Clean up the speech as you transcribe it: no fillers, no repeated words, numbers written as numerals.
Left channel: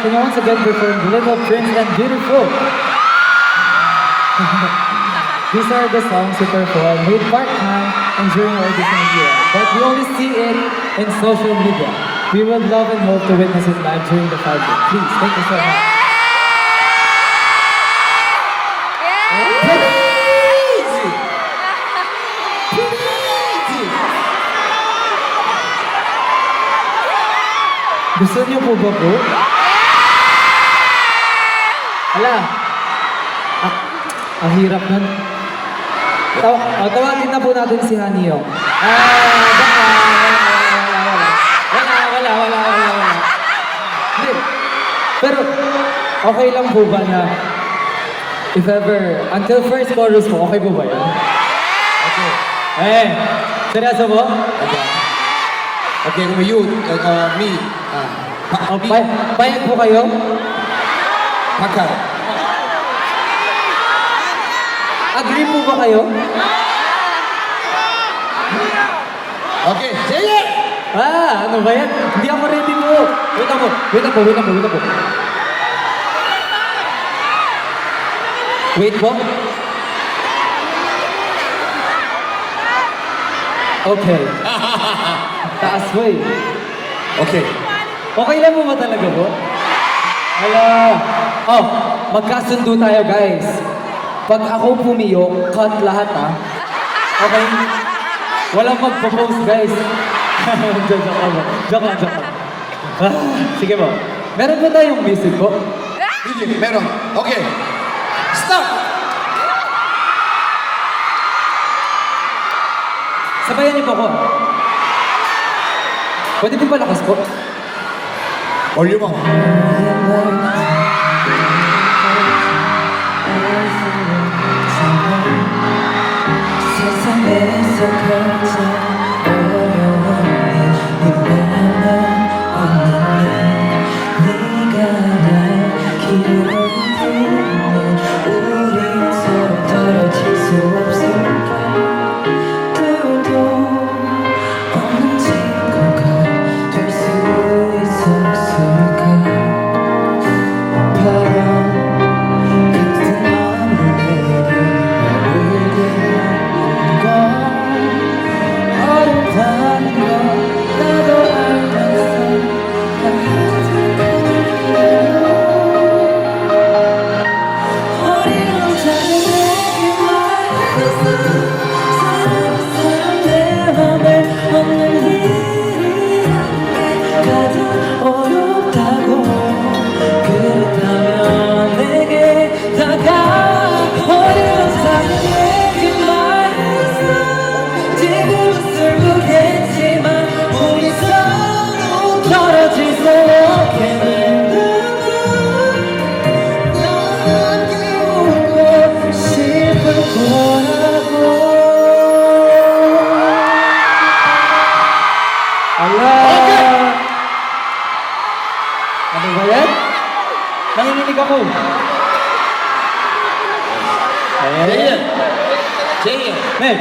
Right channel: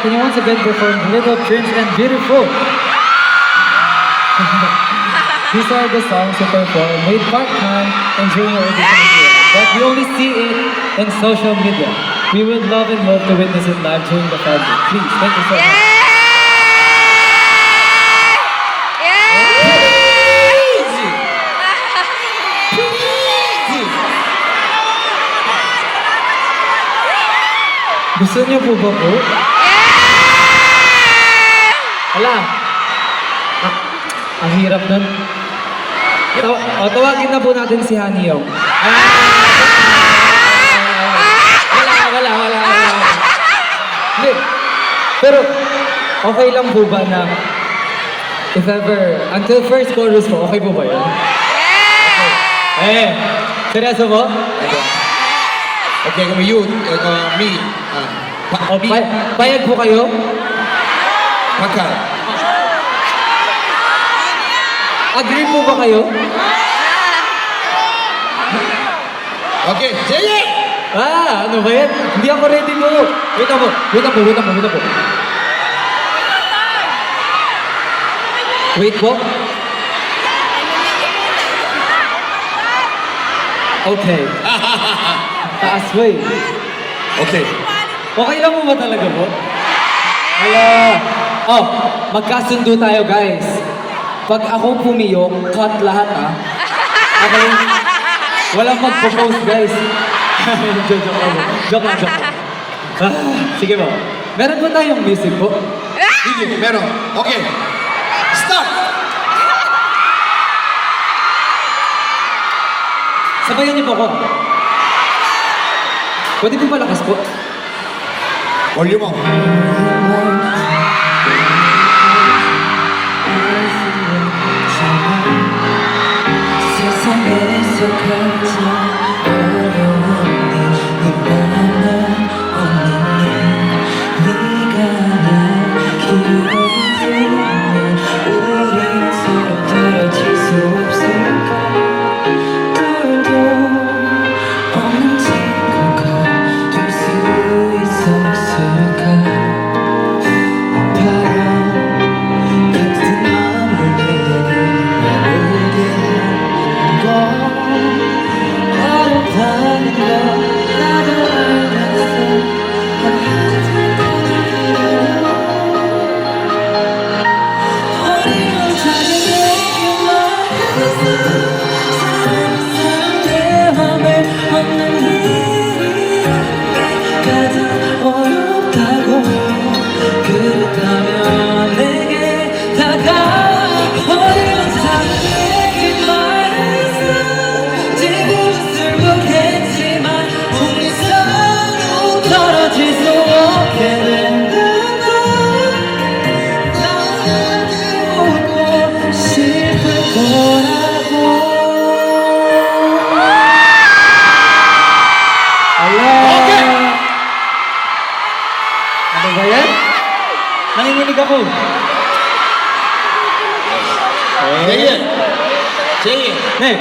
can you once again perform Little Prince and Beautiful? These are the songs we perform with part-time and during our audition year. But we only see it in social media. We would love and hope to witness it live during the 5 day. Please, thank you so much. Gusto niyo po ba po? Ala, ang hirap nun. Tawagin na po natin si Haniyong. Wala. Hindi. Pero, okay lang po ba na if ever, until first chorus po, okay po ba yun? Okay. Seryoso po? Okay, you, me, Payag po kayo? Pakar. Agree po ba kayo? Okay, sige! Ano ba yan? Hindi ako ready po. Wait po. Wait po. Okay. Taas po eh. Okay. Okay lang po ba talaga po? Hala. Oh, magkasundo tayo guys. Pag ako pumiyok, cut lahat ah. Okay? Walang magpo-post guys. Joke lang. Sige po. Meron po tayong music po. Sige, meron. Okay. Stop! Sabayan niyo po ako. Pwede po palakas po? Volume mo. 세상에서 가장 어려운 이 맘은 없는 네가 날 기억해주면 우리 서로 떨어질 수 없을까 둘도 없는 친구가 될 수 있었을까 바람 같은 마음을 내게 어렵다는 걸 나도 알면서 어려운 자녀에게 말했어 사랑스러운 내 맘에 없는 일이 가장 어렵다고 그렇다면 내게 다가와 어려운 자녀에게 말했어 지금 슬프겠지만 우리 서로 떨어질 수 없게 된다면 넌 기울고 싶을 거라고 Ala! Ano ba yan? Nanginginig ako. Sige. Sige. Hey!